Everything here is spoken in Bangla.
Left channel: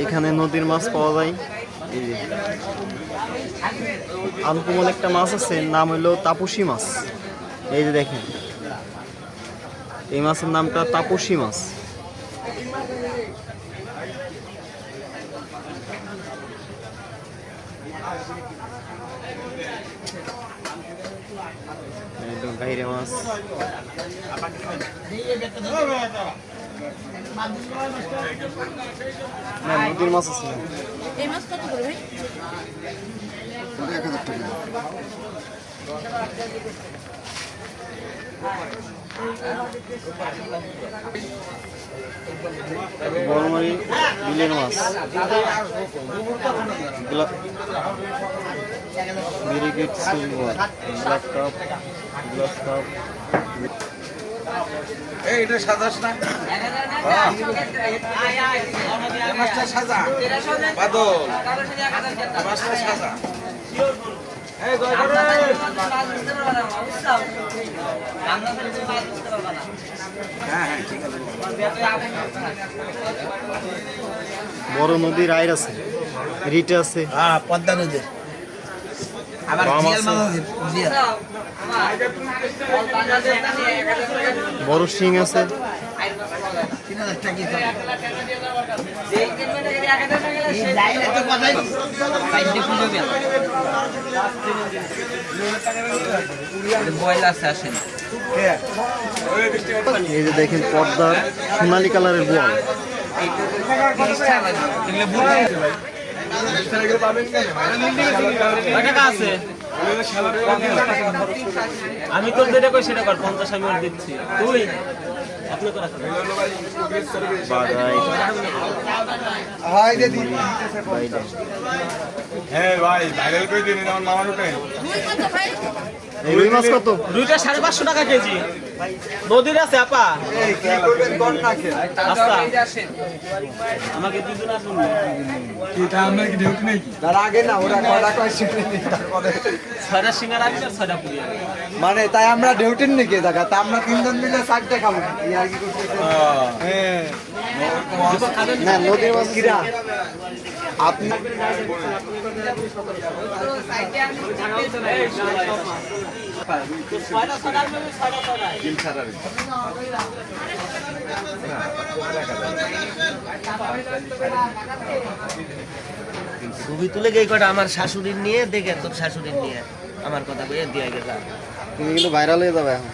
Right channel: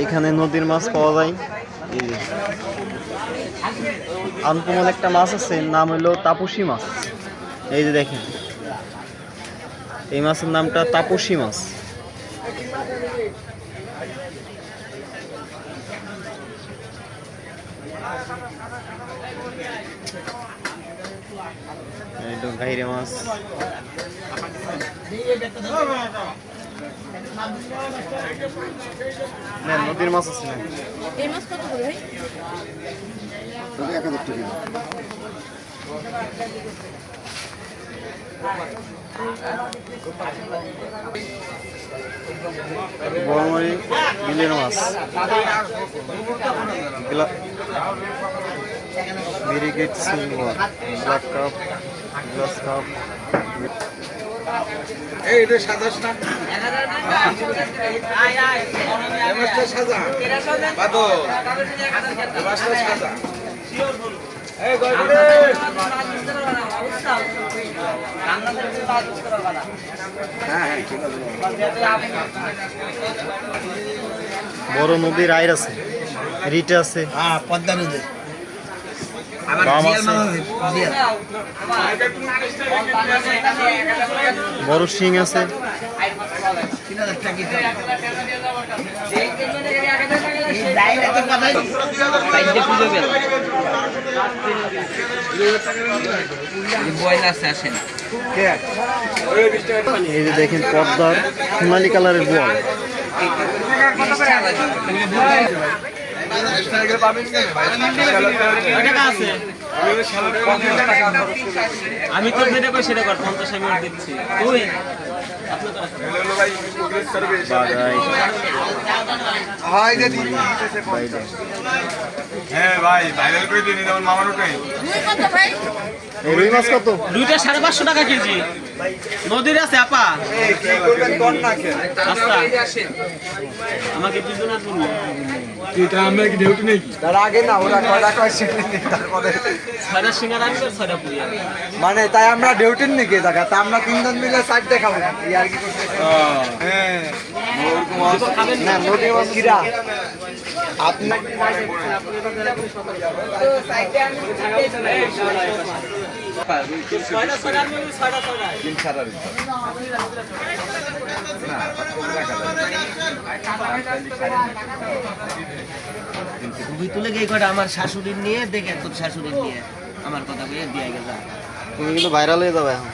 এইখানে নদীর মাছ পাওয়া যায়। এই যে আনকমন একটা মাছ আছে, নাম হলো তাপসী মাছ। এই যে দেখেন, এই মাছের নামটা তাপসী মাছ। গাইরে মাছ, নদীর মাছ আছে। এই মাছ কত করে ভাই? বড়মারি বিলের মাছ, brigade silver, black cup, glass cup. এইটা সাদা না, মাছটা সাদা বাদো, মাছটা সাদা। এই বড় নদীর আইর আছে, রিট আছে, পদ্মা নদী, বাম আছে, বড় শিং আছে। এই যে দেখেন পদ্মার সোনালী কালারের বোয়াল। আমি তো যেটা কই সেটা কর, 50 আমি দিচ্ছি। তুই ভাই ভাইরাল করে দিন মামার ওটাই। রুই মাছ কত? দুইটা 550 টাকা কেজি। নদীর আছে আপা, আমাকে দিন না তুমি। এটা আমরা কি ডিউটি নাকি? তার আগে না ওরা কয়টা কয়ছে তারপরে ছয়টা সিঙ্গারা আমি আর 6টা পুরি। মানে তাই আমরা ডিউটির নাকি জায়গা তা আমরা তিনজন মিলে সাইড দেখাবো কি আর কি করতেছে। হ্যাঁ না নদীর মাছ কিরা আপনাকে তুলে গিয়ে কটা আমার শাশুড়ির নিয়ে দেখে, তোর শাশুড়ির নিয়ে আমার কথা বলে দিয়ে গেছে। তুমি কিন্তু ভাইরাল হয়ে যাবে এখন।